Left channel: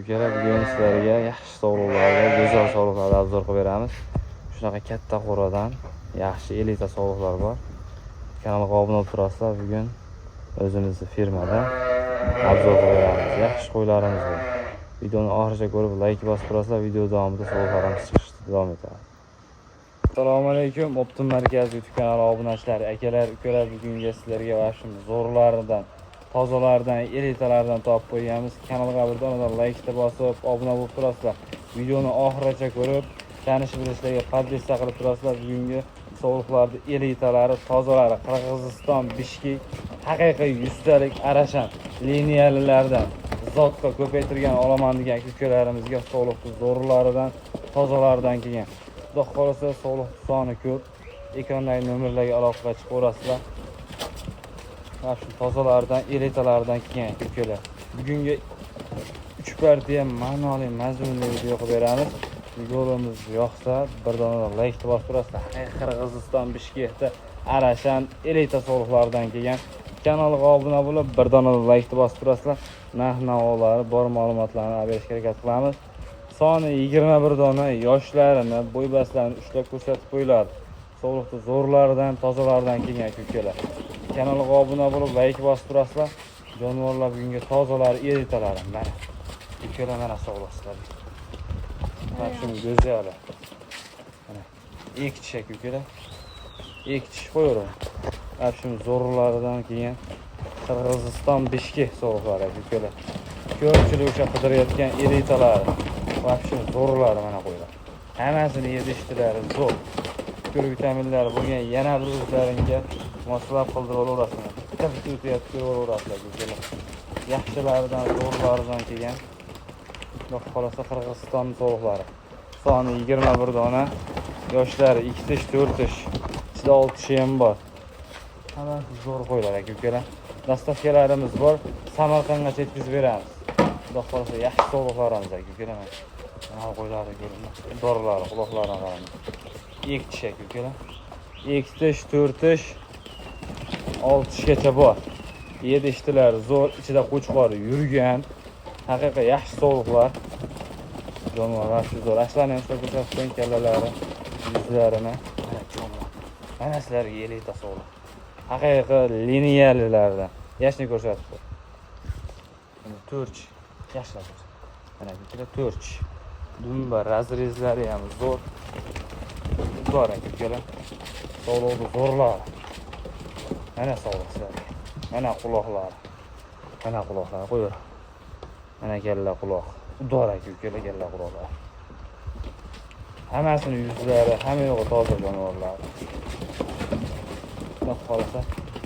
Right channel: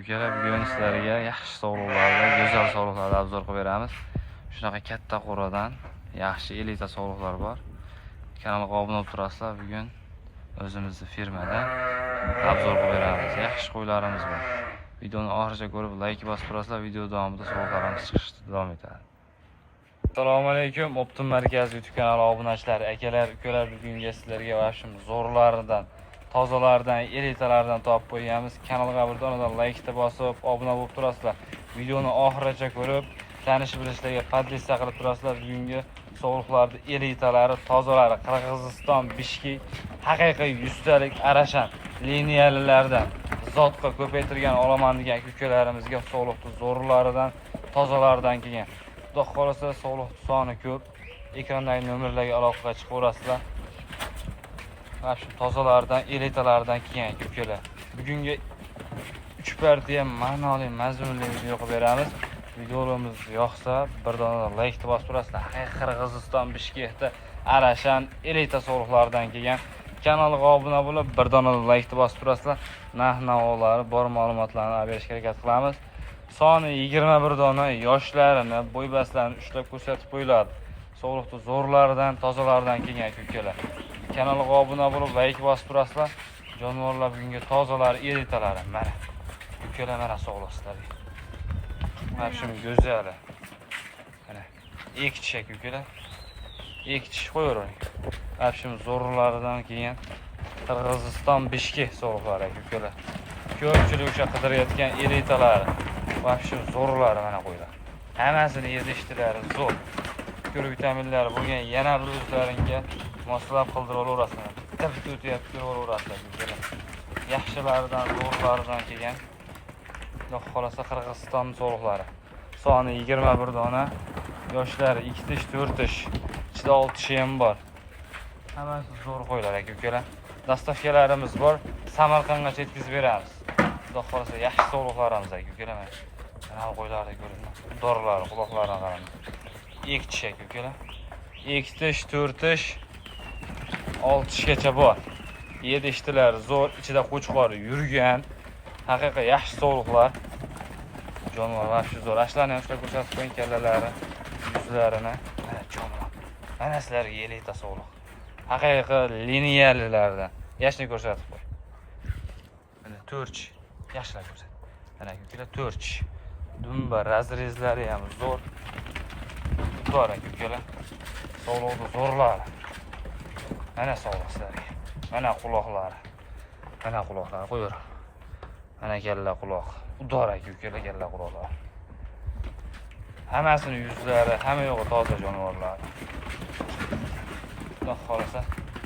ukalar, bugun sizlarga yaxshi sog'liqlarga, go'zal sog'liqlarga obzor qilib beramiz. Shunaqa katta qo'radan yaxshi elita sog'liqlar bor. Kanalga obuna bo'lib turasizlar. Bugun o'zimizning firmada obzor qilib beramiz. Yaxshi qo'ylarimiz bor. Videoni oxirigacha ko'rib, like bosib turasizlar. Video davomida sog'liqlarimiz chiqishda davom etadi. Assalomu alaykum. Optim markaz YouTube kanali obunachilari, akalar, ukalar, bugungi sizlarga vashim zo'rlaridan, tozalardan, elitalardan topib qo'yganmiz. Kanalga birdan like bosib, obuna bo'lib turasizlar. Videoni oxirigacha ko'rib, tanish bilishlarga podpisa qilib turasizlar. Bugungi sog'liqlarning elitalari, tozalari Qirg'iziston, Bishkek, haqiqiy 100 talik arashan liniyalilardan zotga ko'paytirgan olaman degan ukalarimizga sog'liqli zo'rlaridan, tozalardan kelgan. Xudo xolasa sog'liq soni ko'p. Ekrandagi nomerlarga aloqaga chiqaverasizlar. Mana shu tozalardan, elitalardan kelgan ukalar. Bugungi 3 partiya ma'noli, mazmunli video qilib beramiz. Videolarimiz yoqsa, birdan like bosib turasizlar. Qirg'iziston, Bishkekda arashan elita sog'liqlardan kelgan. Kanalga obuna bo'lib, birdan like bosib turasizlar. Narx-navolari bor ma'lumotlarni berishga harakat qilamiz. Soni 21 dona yoshlarini, bo'ybastlarini ushlab ko'rsatib qo'yiladi. Sog'liqli zo'rlaridan, tozalardan kelgan ukalar. Kanalga obuna bo'lib, like bosib turasizlar. Jonivorlar bugungi tozalar, elitalari mana. Ukalar mana sog'liqsizlar. Mana shu go'zali. Mana ikki chek ukalar. Ikki chek qo'yaver. Mana shu zo'rlaridan kelgan Qirg'iziston, Bishkek sog'liqlari ukalar. Ko'pchilik o'sha qidirayotgan elitalari. Mana shu zo'rlari mana qo'ylar. Hammasini yedishtirari zo'r. Ko'rib vitaminlari bo'lgan yana bir o'zlaringga moslab qildirib olaverasizlar. Bitta o'tayotib ko'raverasizlar ukalar. Yaxshilaridan, zo'rlaridan kelgan. Xudo xolasa Qirg'iziston sog'liqlari. Soni 21 dona. Yoshlari 2 tish, 4 tish, ichida 6 tishi ham bor. Hammasi zo'r qo'ylar ukalar. Dastavkalarimiz bor. Samarqandgacha yetkazib beramiz. Xudo xolasa yaxshi sog'liqlarimiz ukalar. Mana qo'ylarni ko'ringlar. Dorilar, quloqlarini qarang. 2 tish ukalar. 2 tish, 4 tish, 6 tishgacha bor. Yedishtilar zo'r, ichida qo'chqor yurgan. Haqiqiy yaxshi sog'liqlar. Jonivorlar shu zo'r. Ashlarni ham ushlab ko'rsatib qo'ying, kallalari, yuzlarini. Mana jonivorlar. Mana sizlarga elita sog'liq. Haqiqiy liniyalilardan. Yashni ko'rsatib qo'y. Mana 4 yaxshilar ko'rsat. Mana ukalar 4. Dumba razrezlari ham zo'r. Zo'r ukalar. Sog'liqli zo'rlar. Mana sog'liqlari. Mana quloqlari. Mana quloqlari qo'yaver. Mana kalla quloq. Udor ukalar kalla quloqlar. Hammasini yuzlari, hamma yo'g'i toza jonivorlar. Xudo xolasa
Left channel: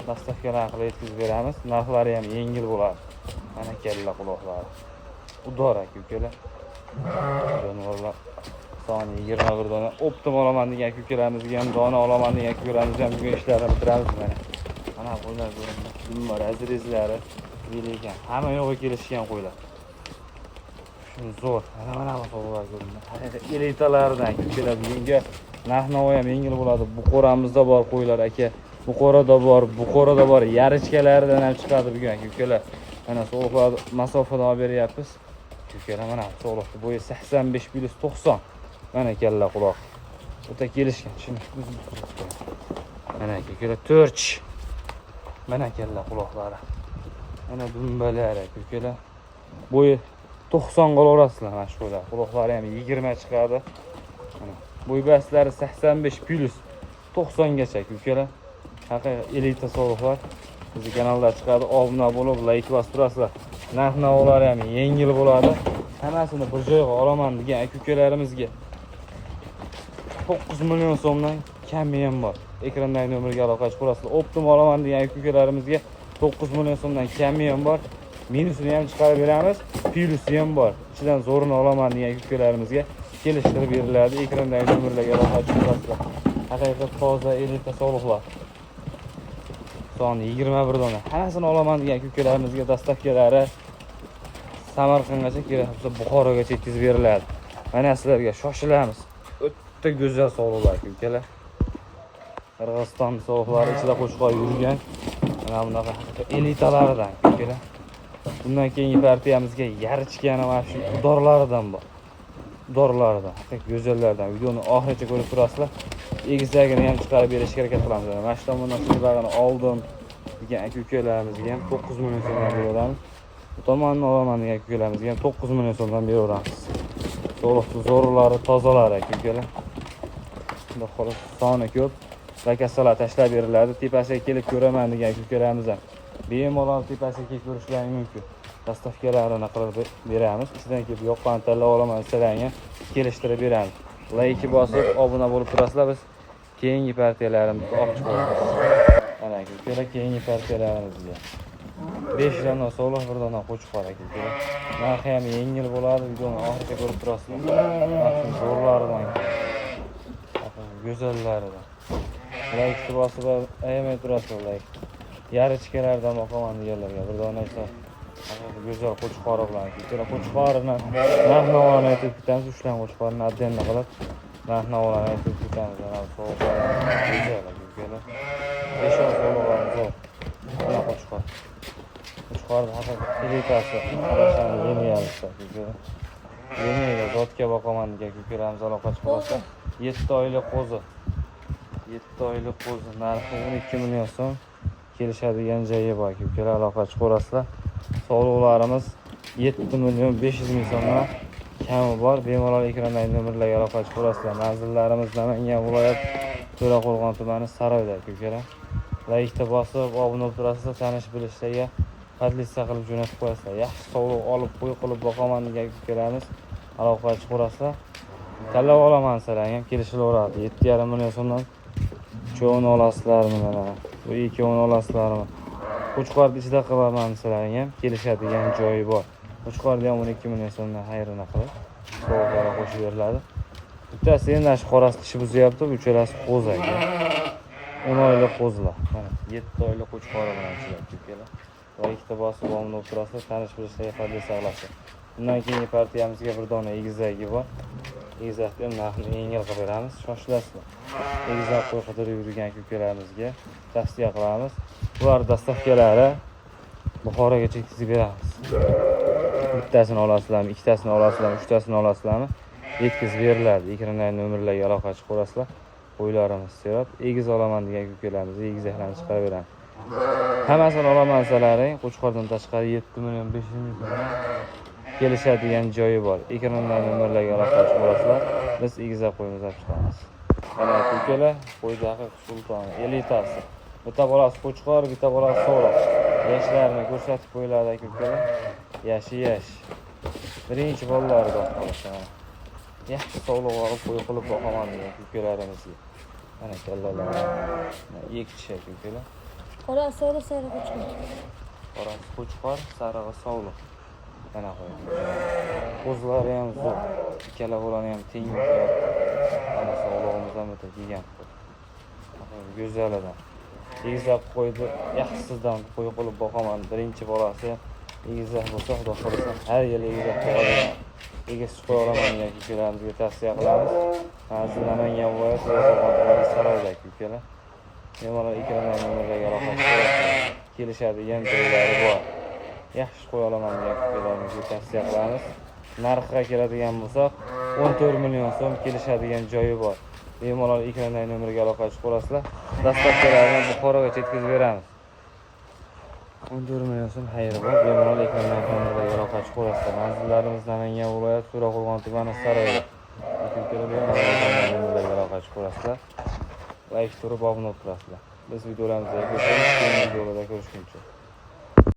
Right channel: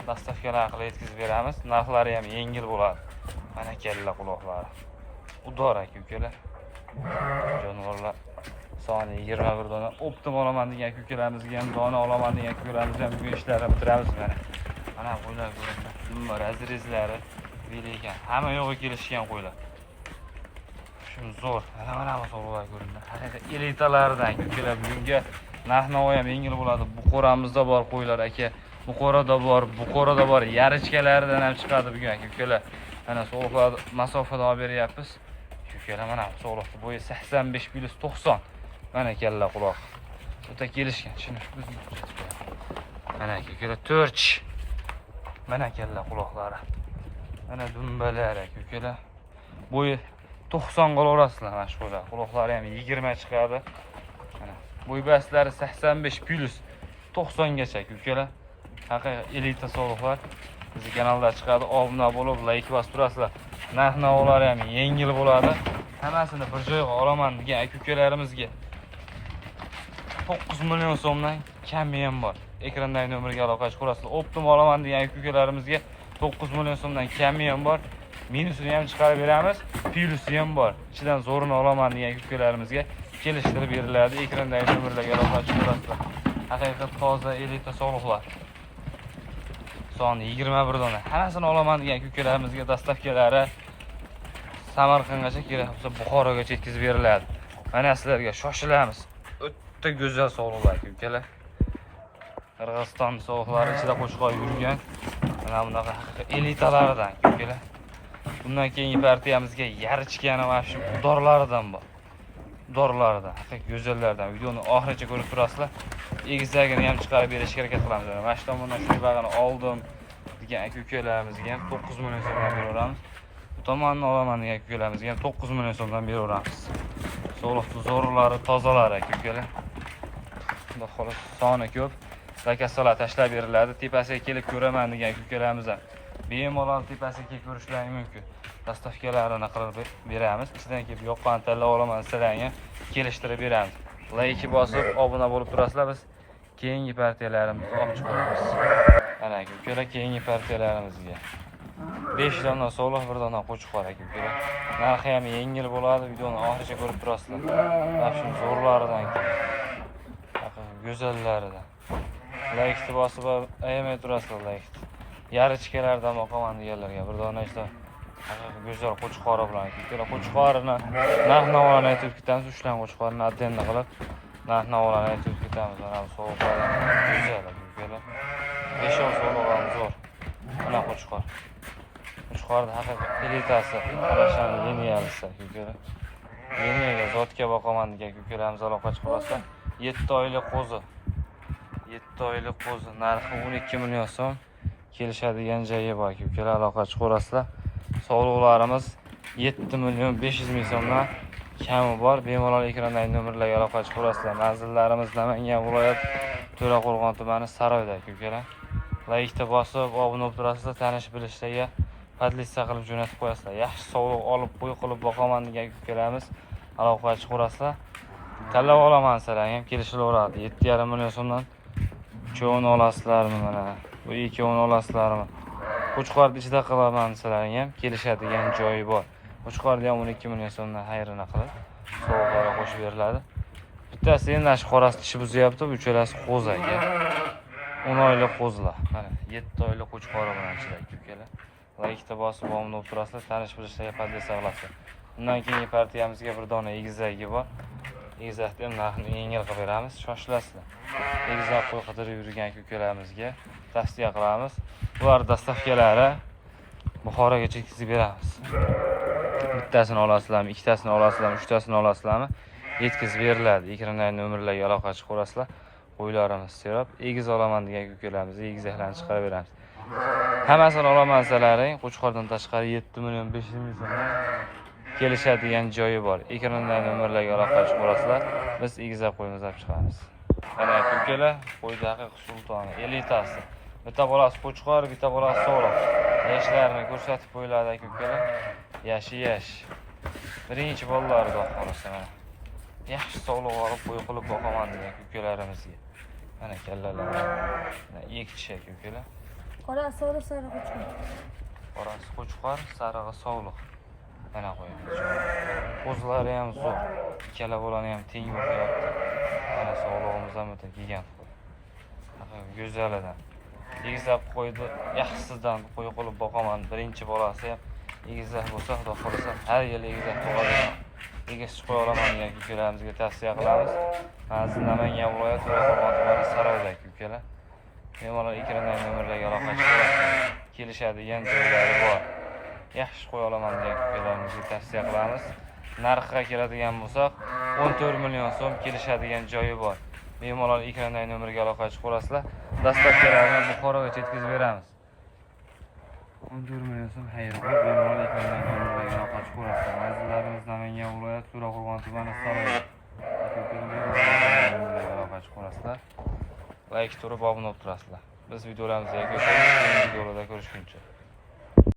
dastavkalar qilib yetkazib beramiz. Narxlari ham yengil bo'ladi. Mana kalla quloqlari. Udor ukalar. Jonivorlar soni 21 dona. Optim olaman degan ukalarimizga ham dona olaman degan ukalarimizga ham bugun ishlarini bitiramiz mana. Mana qo'ylar ko'ringlar. Dumba razrezlari belegan. Hamma yo'g'i kelishgan qo'ylar. Shu zo'r. Mana bu sog'liqlar ko'ringlar. Haqiqiy elitalardan ukalar bugunga narx-navo ham yengil bo'ladi. Buqoramizda bor qo'ylar aka. Buqorada bor. Yarichkalaridan ham chiqadi bugun ukalar. Mana sog'liqlar masofadan olib beryapmiz. Ukalar mana sog'liqli bo'yi 85+90. Mana kalla quloq. O'ta kelishgan. Shuni mana ukalar 4. Mana kalla quloqlari. Mana dumbalari ukalar. Bo'yi 90 qolaverasizlar mana shu qo'ylar. Quloqlari ham 20 chiqadi. Mana bo'ybastlari 85+90 gacha ukalar. Haqiqiy elita sog'liqlar. Bizning kanalda chiqadi. Obuna bo'lib, like bosib turasizlar. Narx-navolari ham yengil bo'ladi. Hammasini bir joyga olaman degan ukalarimizga 9 million so'mdan kami ham bor. Ekrandagi nomerga aloqa chiqarasizlar. Optim olaman degan ukalarimizga 9 million so'mdan kami ham bor. Minusini ham chiqarib beramiz, plusi ham bor. Ichidan zo'rini olaman degan ukalarimizga kelishtirib beriladi. Ekrandagi nomerlarga aloqa chiqarasizlar. Haqiqiy toza elita sog'liqlar. Soni 21 dona. Hammasini olaman degan ukalarimizga dastavkalari Samarqandgacha kerak bo'lsa Buxorogacha yetkazib beriladi. Mana sizlarga shoshilamiz. O'ta go'zal sog'liqlar ukalar. Qirg'iziston sog'liqlari ichida qo'chqor yurgan. Mana bunaqa haqiqiy elitalardan ukalar. Bundan keyingi partiyamizga yarichgani va shu dorlaridan bor. Dorlaridan, haqiqiy go'zallardan. Videoni oxirigacha ko'rib turasizlar. Egizagini ham chiqarib berishga harakat qilamiz. Mana shu tomondan shu bag'ini oldim degan aka-ukalarimizga ham 9 million so'mdan beraveramiz. Bu tomonni olaman degan aka-ukalarimizga ham 9 million so'mdan beraveramiz. To'liq zo'rlari, tozalari aka-ukalar. Bunda xolos soni ko'p. Lakastalar tashlab beriladi. Tepasiga kelib ko'raman degan aka-ukalarimizdan bemalol tepasiga kelib ko'rishlari mumkin. Dastavkalarini qilib beramiz. Ichidan kelib yoqqan tanlab olaman desalarga kelishtirib beramiz. Like bosib, obuna bo'lib turasizlar, biz keyingi partiyalarimizni olib chiqamiz. Mana aka-ukalar, keyingi partiyalarimizga 5 dona so'liq, 1 dona qo'chqor aka-ukalar. Narxi ham yengil bo'ladi. Videoni oxirigacha ko'rib turasizlar. Mana shu zo'rlaridan, go'zallaridan. Like bosib, ayamay turasizlar like. Yarichkalardan boqaman deganlarga 1 dona ishda go'zal qo'chqori bilan aka-ukalar. Qo'chqorini narx-navolarni aytib ketamiz. Ushlan qo'chqorini addenni qilib narx-navolarni aytib ketamiz. Mana bu so'lqlar go'zal aka-ukalar. 5 so'lqlar zo'r. Mana qo'chqor. Qo'chqorning haqiqiy elitasi, qarashani liniyalisi aka-ukalar. Liniyaga zotga boqaman degan aka-ukalarimiz aloqa chiqarsa, 7 oylik qo'zi. 7 oylik qo'zi narxi 12 million so'm. Kelishadigan joyi bor aka-ukalar, aloqa chiqarasizlar. Sog'liqlarimiz 7 million 500 ming so'mdan kami bor. Bemalol ekrandagi nomerlarga aloqa chiqarasizlar. Manzillarimiz Namangan viloyat To'raqo'rg'on tumani Saroyda aka-ukalar. Like bosib, obuna bo'lib turasizlar, tanish bilishlarga podlista qilib jo'natib qo'yasizlar. Yaxshi sog'liq olib qo'yib boqaman degan aka-ukalarimiz aloqa chiqarasizlar. Tanlab olaman desalarga ham kelishilaveradi. 7,5 million so'mdan cho'g'ini olasizlarmi mana? Bu ikkovini olasizlarmi? Qo'chqorni ichida qilaman desalarga ham kelishadigan joyi bor. Qo'chqorni ham 12 million so'mdan xayrini qilib so'g'ara qo'shib beriladi. Bittasi endi shu qorasi tishi buzyapti, uchalasi qo'zi aka. 10 oylik qo'zilar. Mana 7 oylik qo'chqori bilan ichiladi aka-ukalar. Like bosib omni bo'lib turasizlar, tanish bilishlarga podlista qilasizlar. Bundan keyingi partiyamizga 1 dona egizagi bor. Egizakni ham narxini yengil qilib beramiz. Shoshilasizlar. Egizak qo'y qidirib yurgan aka-ukalarimizga tavsiya qilamiz. Bular dastavkalari Buxoroga yetkazib beramiz. Bittasini olasizlarmi, ikkitasini olasizlarmi, uchtasini olasizlarmi? Yetkazib beriladi. Ekrandagi nomerlarga aloqa chiqarasizlar. Qo'ylarimiz serob, egiz olaman degan aka-ukalarimizni egizaklarni chiqarib beramiz. Hammasini olaman desalaring, Qo'chqordan tashqari 7 million 500 ming so'm kelishadigan joyi bor. Ekrandagi nomerlarga aloqa chiqarasizlar. Biz egizak qo'yimizni olib chiqamiz. Mana aka-ukalar, qo'yda haqiqiy sultoni, elitasi. Bitta bolasi qo'chqor, bitta bolasi so'liq. Yoshlarini ko'rsatib qo'yiladi aka-ukalar. Yashi. Birinchi bolalarida qolishadi. Yaxshi sog'liq olib qo'y qilib boqaman degan aka-ukalarimizga. Mana kallalar. Mana ikki aka-ukalar. Qora so'liq, sariq qo'chqor. Qorasi qo'chqor, sarig'i so'liq. Mana qo'ying. Qo'zlari ham zo'r. Ikkala bolani ham teng bo'lyapti. Mana sog'lig'imiz ham o'ta kelgan. Go'zalidan. Egizak qo'ydi, yaxshisidan qo'y qilib boqaman. Birinchi bolasi ham egizak bo'lsa, xudo xohlasa, har yil egizak tug'adigan. Egiz qo'y olaman degan aka-ukalarimizga tavsiya qilamiz. Manzil Namangan viloyati To'raqo'rg'on tumani Saroyda aka-ukalar. Bemalol ekrandagi nomerlarga aloqa qilib kelishadigan joylari bor. Yaxshi qo'y olaman degan aka-ukalarimizga tavsiya qilamiz. Narxga keladigan bo'lsak, 14 million so'm kelishadigan joyi bor. Bemalol ekrandagi nomerga aloqa chiqarasizlar. Dastavkalarni Buxoroga yetkazib beramiz. 14 million so'm xayri bor. Bemalol ekrandagi nomerga aloqa chiqarasizlar. Manzillarimiz Namangan viloyati To'raqo'rg'on tumani Saroyda. Bemalol aloqa chiqarasizlar. Like turib obuna bo'lib turasizlar. Biz videolarimizni yakun qilamiz. Keyingi videolarda ko'rishguncha.